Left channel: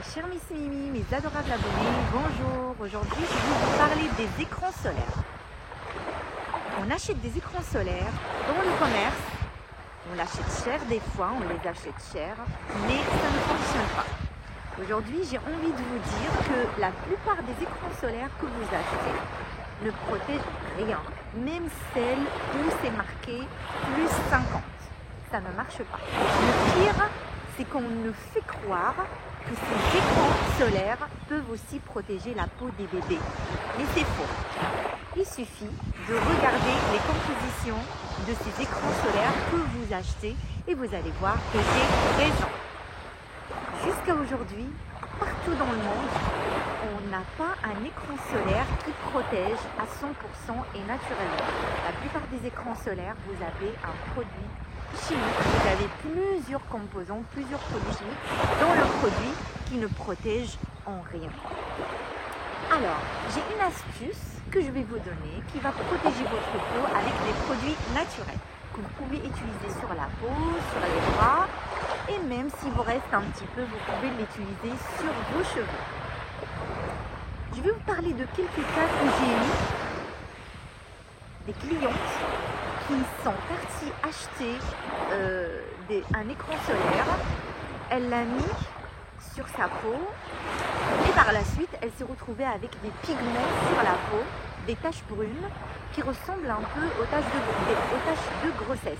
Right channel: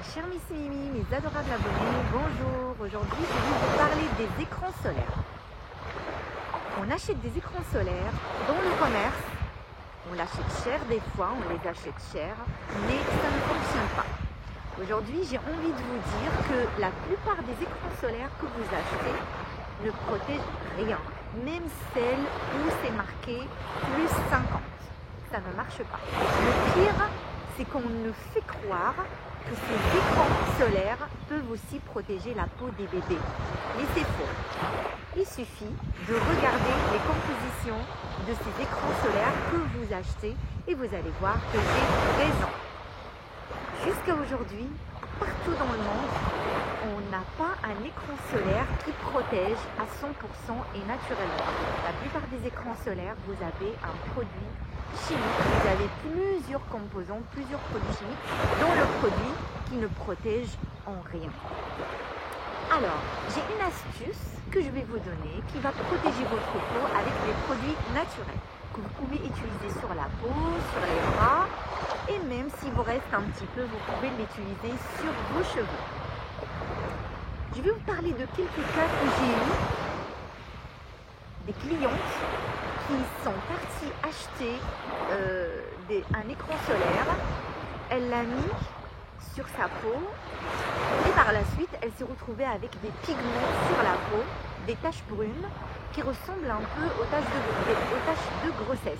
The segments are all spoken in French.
Mes chers Miss Mimi, mes adorables abonnés, bonjour. Aujourd'hui, je vais vous parler des écrans solaires. On achète des écrans solaires dans le commerce. On l'achète cher des fois, on les achète cher, mais ça ne fonctionne pas. Aujourd'hui, j'ai envie de vous dire que la plupart des écrans solaires que vous achetez ne protègent rien. Même celles où c'est marqué plus 50. Ça ne marche pas. Le pire, c'est qu'on nous fait croire que ces écrans solaires peuvent aussi protéger la peau des bébés. Mais c'est faux. Il suffit de regarder les compositions de ces écrans solaires que vous achetez et vous allez voir que j'ai raison. Jusqu'à aujourd'hui, partout dans le monde, on n'a pas un écran solaire qui protège à 100% et naturellement. La plupart des écrans solaires, vous avez un produit chimique, vous avez plusieurs composants, plusieurs produits chimiques dans le produit qui ne protège en rien. Alors, j'ai une astuce que je vais vous donner qui va protéger votre peau avec des produits naturels que vous pouvez utiliser sur la peau, sur les bras et même s'il vous reste un petit peu, vous pouvez l'utiliser sur vos cheveux. Je vais vous parler de quelques cas que j'ai eu, des clientes qui sont parties acheter un écran solaire. Elle l'a mis sur sa peau et par la suite, elle s'est retrouvée avec des pigments sur la peau, des taches brunes qui ressemblent un peu aux taches de grossesse.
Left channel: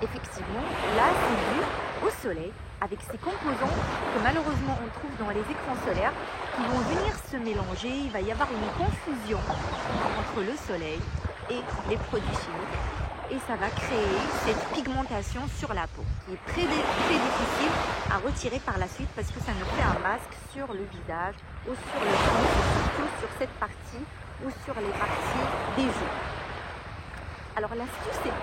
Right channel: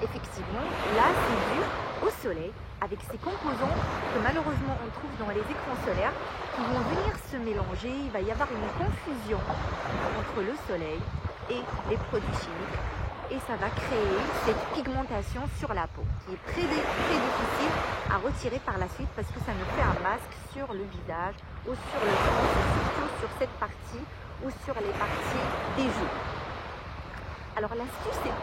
Effectivement, là, c'est dû au soleil, avec ces composants que malheureusement on trouve dans les écrans solaires qui vont venir se mélanger. Il va y avoir une confusion entre le soleil et les produits chimiques et ça va créer cette pigmentation sur la peau qui est très difficile à retirer par la suite parce que ça ne fait un masque sur le visage ou sur le front et surtout sur cette partie ou sur les parties des joues. Alors l'astuce est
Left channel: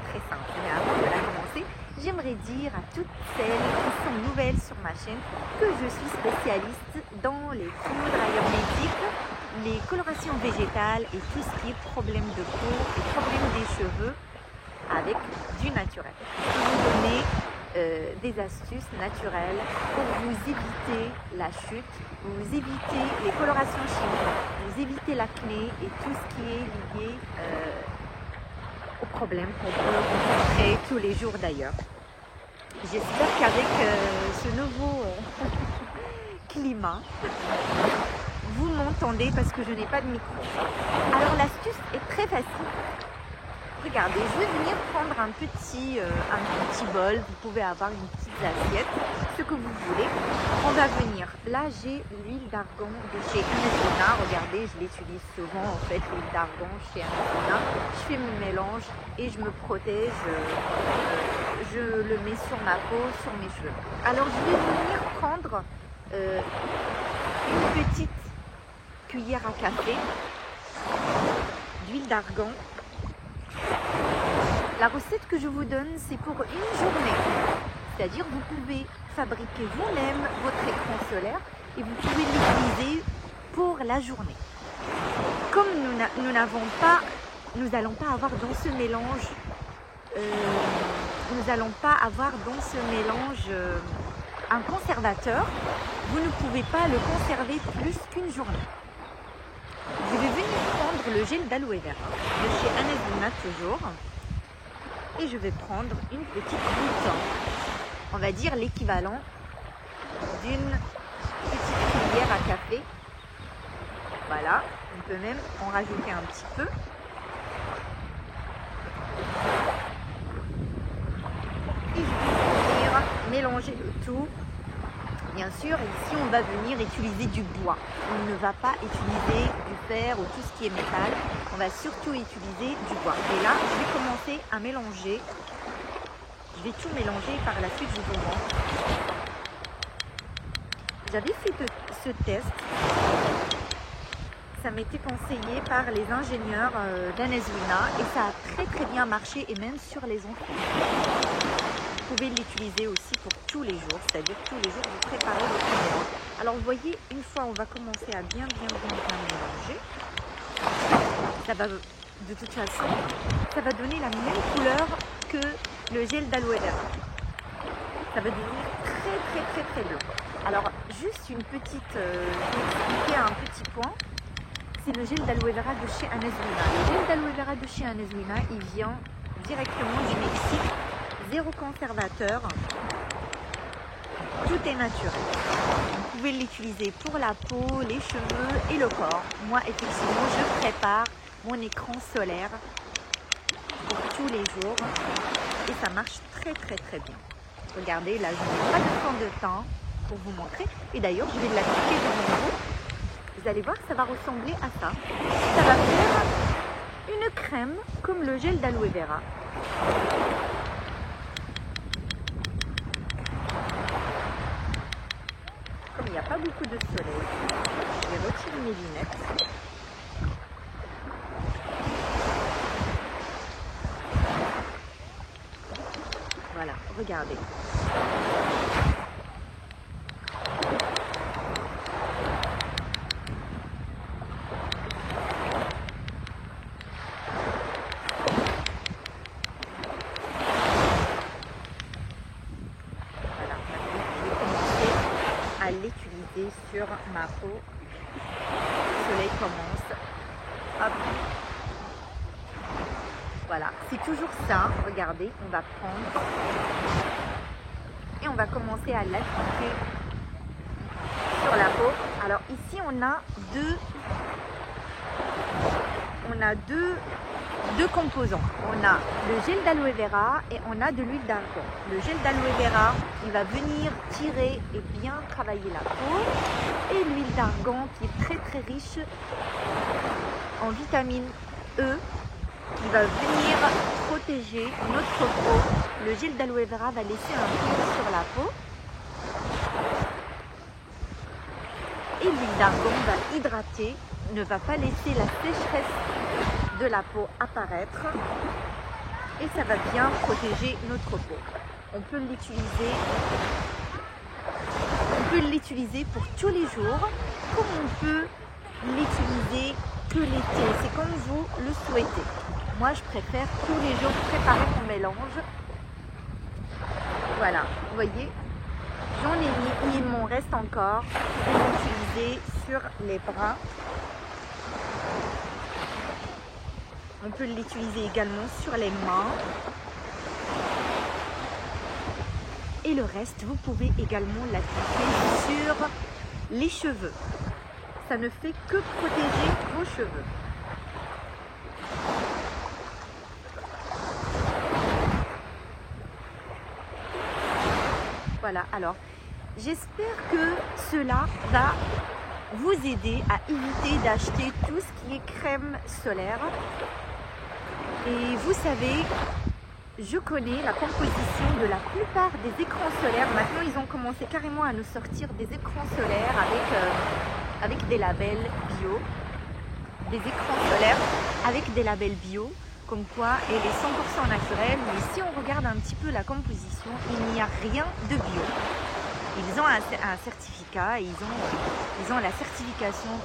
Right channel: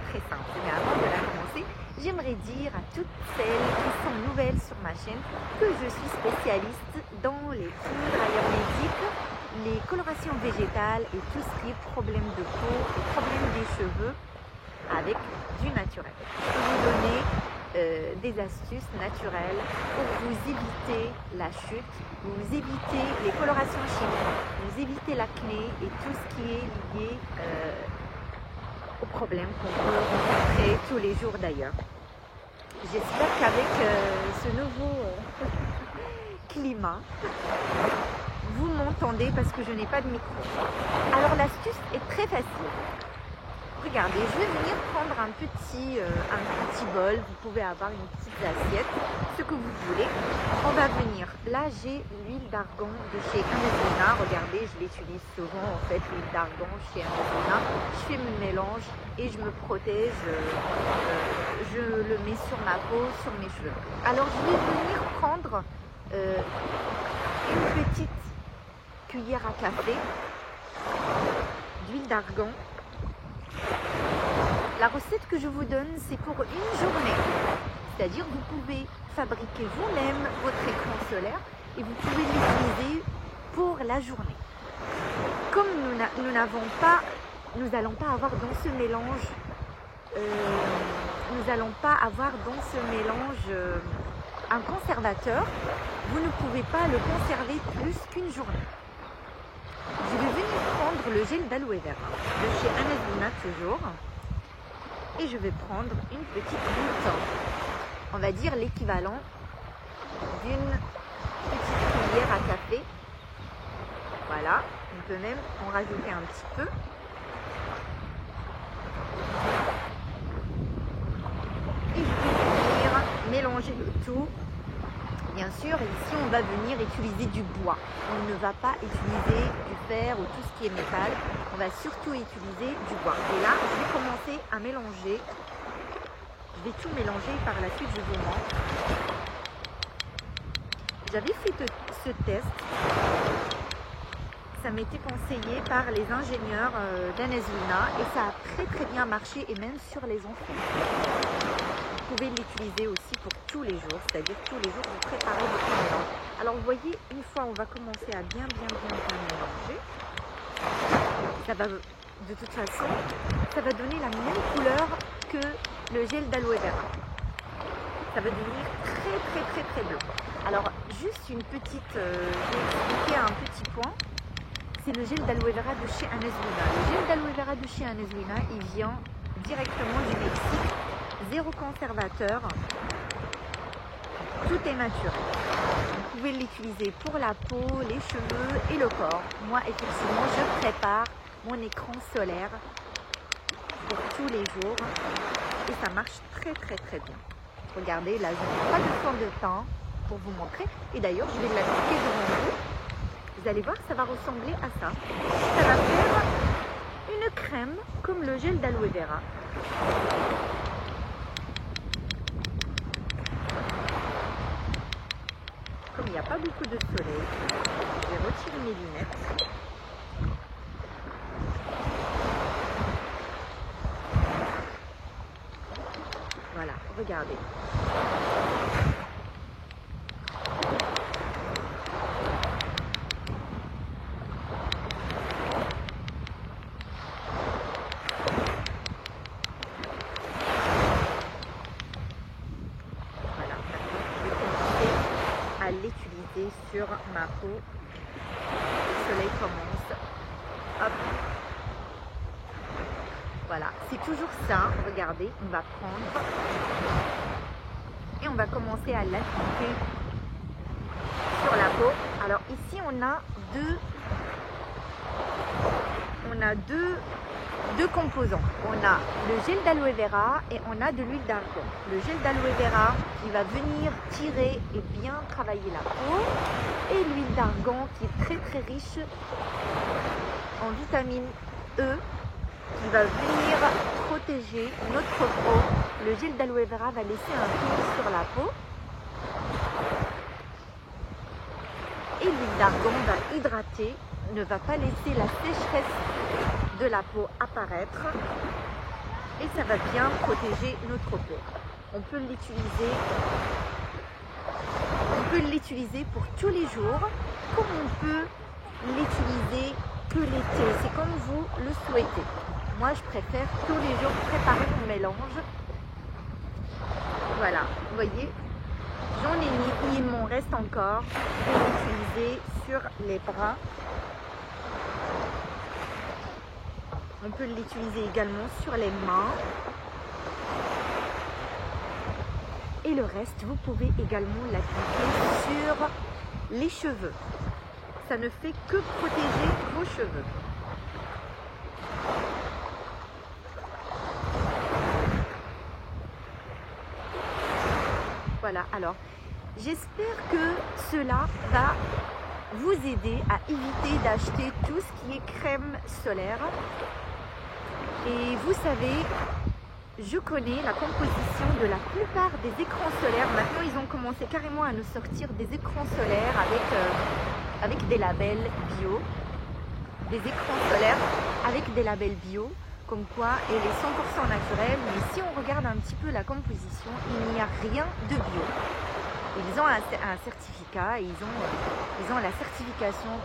très simple, mais avant de la commencer, j'aimerais dire à toutes celles qui sont nouvelles sur ma chaîne que je suis spécialiste dans les poudres ayurvédiques, les colorations végétales et tout ce qui est problème de peau et problème des cheveux avec du naturel. Je vais vous donner des astuces naturelles pour vous éviter la chute, vous éviter les colorations chimiques, vous éviter l'acné et tout ce qui est lié aux problèmes qu'on peut rencontrer tous les jours d'ailleurs. J'espère qu'avec ce nouveau climat, vous m'entendez parce que je n'ai pas de micro. Alors l'astuce est très facile. Regardez, je vais venir prendre un petit bol, vous pouvez avoir une petite assiette, ce que vous voulez. On va venir, là j'ai l'huile d'argan de chez Anazuna, regardez, je l'utilise souvent en fait, l'huile d'argan chez Anazuna. Je fais mon mélange et je me protège, je le mets sur ma peau, sur mes cheveux. Alors je vais venir prendre une petite cuillère à café d'huile d'argan. La recette que je vous donne, c'est pour une journée. C'est-à-dire, vous pouvez fabriquer vous-même votre écran solaire et vous pouvez l'utiliser pour la journée. Comme nous n'allons pas avoir dans ce mélange, un conservateur, vous ne pouvez pas le conserver plus qu'une journée. Je vais venir prendre le gel d'aloe vera de chez Anazuna toujours. Et je vais prendre une petite goutte, on va dire l'équivalent d'une petite cuillère à café. Voilà, on peut même en rajouter un petit peu. Et je vais venir mélanger le tout. Bien sûr, ici on va venir utiliser du bois. On ne va pas utiliser du fer ou tout ce qui est métal. On va surtout utiliser du bois. Et là, je vais commencer à mélanger. Je vais tout mélanger et par la suite, je vous montre. J'avais fait ce test. Ça m'était conseillé par les ingénieurs d'Anazuna et ça a très bien marché et même sur les enfants. Vous pouvez l'utiliser aussi pour tous les jours, c'est-à-dire tous les jours vous préparez votre mélange. Alors vous voyez, une fois on va commencer à bien mélanger. Ça va, de toute façon, ça va donner la même couleur que le gel d'aloe vera. Ça va devenir très blanc. Alors, juste une petite, j'ai expliqué un petit point. C'est le gel d'aloe vera de chez Anezwina. Le gel d'aloe vera de chez Anezwina, il vient directement du Mexique. Zéro conservateur. Tout est naturel. Vous pouvez l'utiliser pour la peau, les cheveux et le corps. Moi, effectivement, je prépare mon écran solaire pour tous les jours et ça marche très bien. Regardez, là, je n'ai pas de fond de teint pour vous montrer. Et d'ailleurs, je vais l'appliquer devant vous. Vous allez voir que ça va ressembler à ça. Ça va faire une crème comme le gel d'aloe vera. Comme il n'y a pas beaucoup de soleil, je vais retirer mes lunettes. Voilà, regardez. Voilà, maintenant je vais commencer à l'utiliser sur ma peau. Le soleil commence. Hop. Voilà, c'est toujours ça. Regardez, on va prendre et on va commencer à l'appliquer sur la peau. Alors ici, on a deux composants. On a le gel d'aloe vera et on a de l'huile d'argan. Le gel d'aloe vera, il va venir tirer et bien travailler la peau. Et l'huile d'argan qui est très riche en vitamine E, qui va venir protéger notre peau. Le gel d'aloe vera va laisser un film sur la peau. Et l'huile d'argan va hydrater, ne va pas laisser la sécheresse de la peau apparaître. Et ça va bien protéger notre peau. On peut l'utiliser pour tous les jours, comme on peut l'utiliser que l'été. C'est comme vous le souhaitez. Moi, je préfère tous les jours préparer mon mélange. Voilà, vous voyez, j'en ai mis, il m'en reste encore. Je vais l'utiliser sur les bras. On peut l'utiliser également sur les mains. Et le reste, vous pouvez également l'appliquer sur les cheveux. Ça ne fait que protéger vos cheveux. Voilà, alors j'espère que cela va vous aider à éviter d'acheter tout ce qui est crème solaire. Et vous savez, je connais la composition de la plupart des écrans solaires. Maintenant, ils ont commencé carrément à nous sortir des écrans solaires avec des labels bio. Des écrans solaires avec des labels bio. Comme quoi elle est 100% naturelle, mais si on regarde un petit peu la composition, il n'y a rien de bio. Ils ont un certificat, ils ont la certification,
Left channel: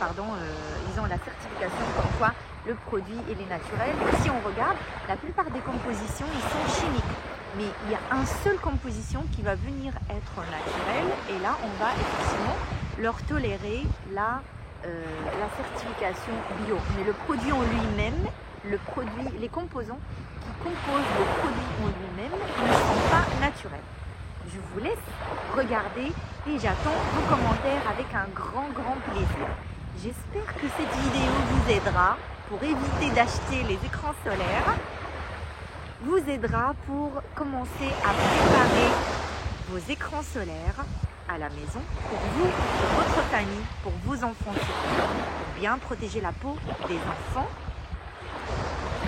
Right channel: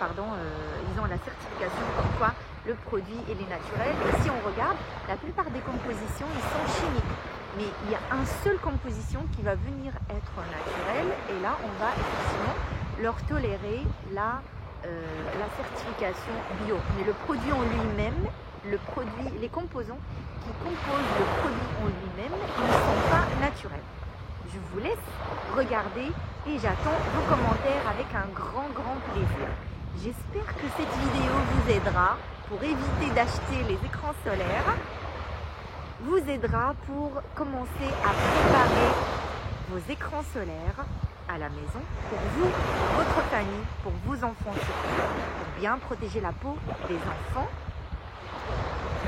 comme quoi le produit il est naturel. Et si on regarde, la plupart des compositions, ils sont chimiques. Mais il y a une seule composition qui va venir être naturelle, et là, on va effectivement leur tolérer la certification bio. Mais le produit en lui-même, les composants qui composent le produit en lui-même ne sont pas naturels. Je vous laisse regarder et j'attends vos commentaires avec un grand plaisir. J'espère que cette vidéo vous aidera pour éviter d'acheter les écrans solaires, vous aidera pour commencer à préparer vos écrans solaires à la maison pour vous, pour votre famille, pour vos enfants surtout, pour bien protéger la peau des enfants.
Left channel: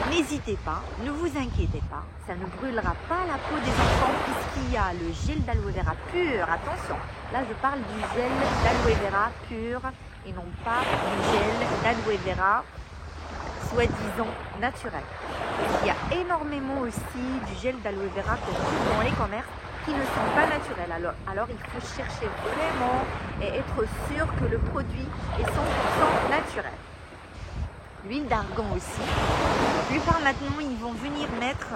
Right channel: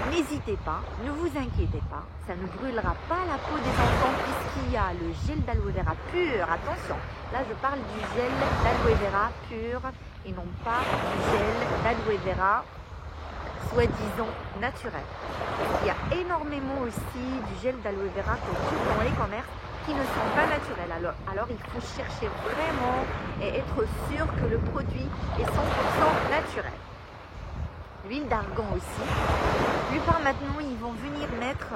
N'hésitez pas, ne vous inquiétez pas, ça ne brûlera pas la peau des enfants puisqu'il y a le gel d'aloe vera pur. Attention, là je parle du gel d'aloe vera pur et non pas du gel d'aloe vera soi-disant naturel. Il y a énormément aussi du gel d'aloe vera qu'on trouve dans les commerces qui ne sont pas naturels. Alors il faut chercher vraiment et être sûr que le produit est 100% naturel. L'huile d'argan aussi. La plupart maintenant, ils vont venir mettre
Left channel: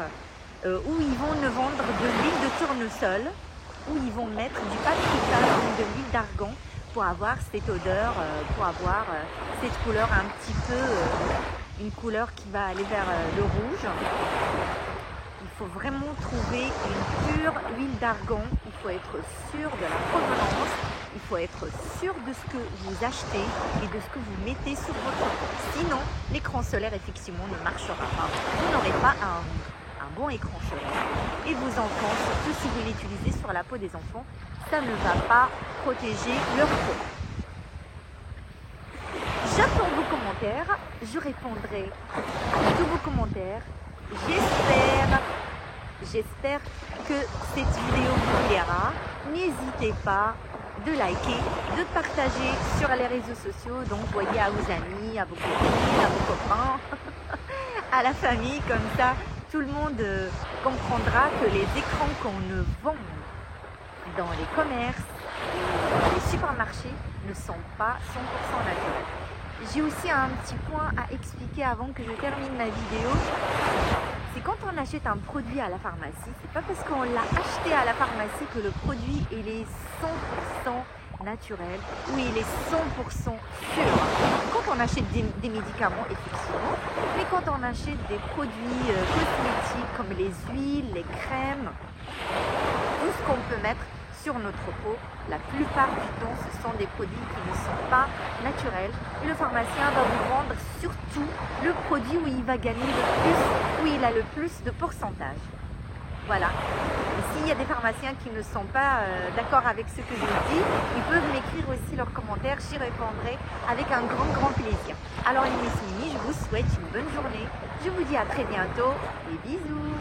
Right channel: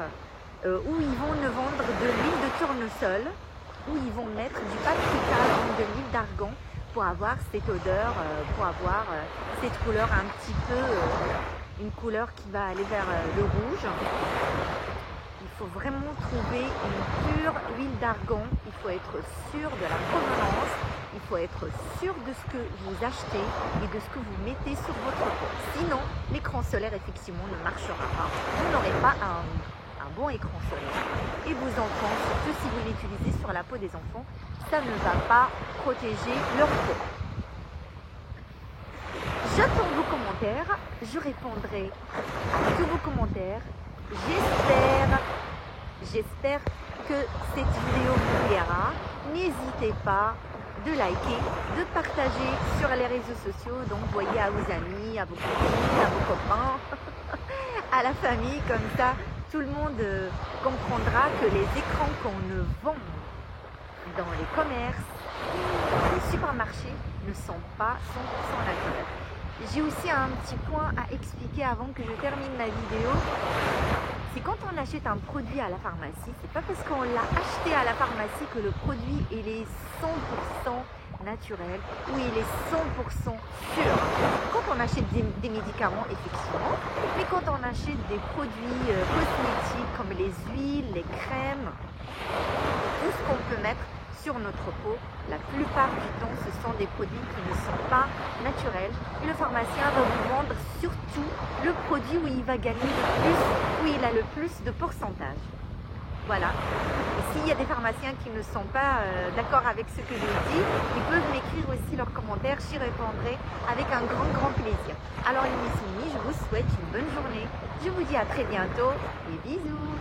ou ils vont nous vendre de l'huile de tournesol. où ils vont mettre du paprika, donc de l'huile d'argan, pour avoir cette odeur, pour avoir cette couleur un petit peu, une couleur qui va aller vers le rouge. Il faut vraiment trouver une pure huile d'argan, il faut être sûr de la provenance, il faut être sûr de ce que vous achetez et de ce que vous mettez sur votre peau. Sinon, l'écran solaire effectivement ne marchera pas. Vous n'aurez pas un bon écran solaire et vos enfants, surtout si vous l'utilisez sur la peau des enfants, ça ne va pas protéger leur peau. J'attends vos commentaires, je répondrai à tous vos commentaires. J'espère que cette vidéo vous plaira. N'hésitez pas de liker, de partager sur les réseaux sociaux. Donc, voyez à vos amis, à vos copines, à vos copains, à la famille. Comme ça, tout le monde comprendra que les écrans qu'on ne vend dans les commerces, dans les supermarchés, ne sont pas 100% naturels. J'ai aussi un petit point à expliquer avant que je termine ma vidéo. C'est quand on achète un produit à la pharmacie, c'est pas parce qu'on l'a acheté à la pharmacie que le produit il est 100% naturel ou il est 100% sûr. Quand on achète des médicaments, effectivement, mais quand on achète des produits cosmétiques comme les huiles, les crèmes, tout ce qu'on peut mettre sur notre peau, la plupart du temps, ce sont des produits qui ne sont pas naturels. Et le pharmacien va vous vendre surtout le produit où il va gagner le plus, où il a le plus de pourcentage. Voilà. Et s'il y a des pharmaciens qui ne sont pas d'accord avec ce que j'ai dit, ils peuvent m'écrire aussi leurs commentaires, j'y répondrai avec un grand plaisir. Alors les Miss Mimi, je vous souhaite une bonne journée. Je vous dis à très bientôt et bisous.